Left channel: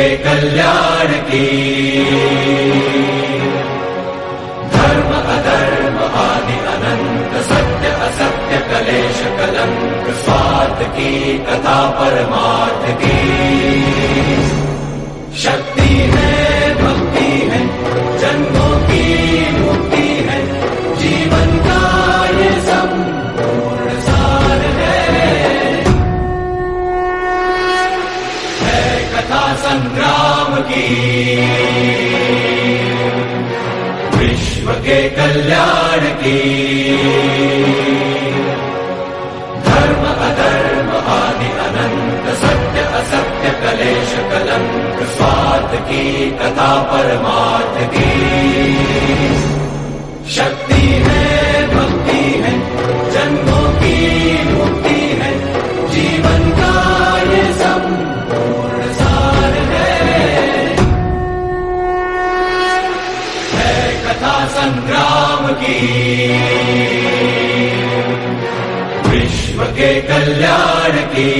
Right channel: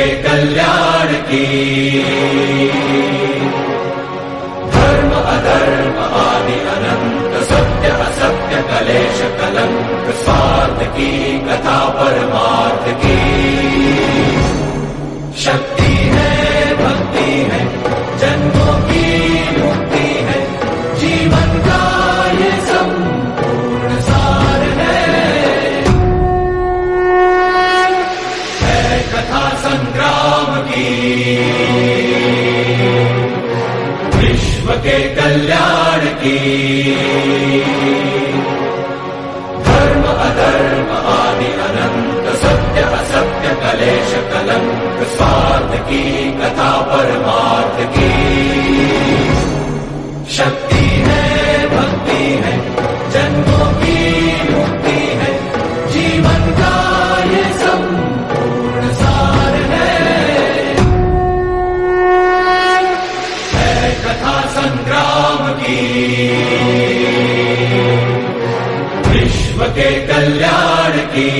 के कल्याण की। धर्म अधर्म आदि अनंत, सत्य असत्य कलेश कलंक, स्वार्थ की कथा परमार्थ की। शक्ति है भक्ति है, जन्मों की मुक्ति है, जीवन का ये संपूर्ण सार है कथा संग्राम की। विश्व के कल्याण की। धर्म अधर्म आदि अनंत, सत्य असत्य कलेश कलंक, स्वार्थ की कथा परमार्थ की। शक्ति है भक्ति है, जन्मों की मुक्ति है, जीवन का ये संपूर्ण सार है कथा संग्राम की। विश्व के कल्याण की।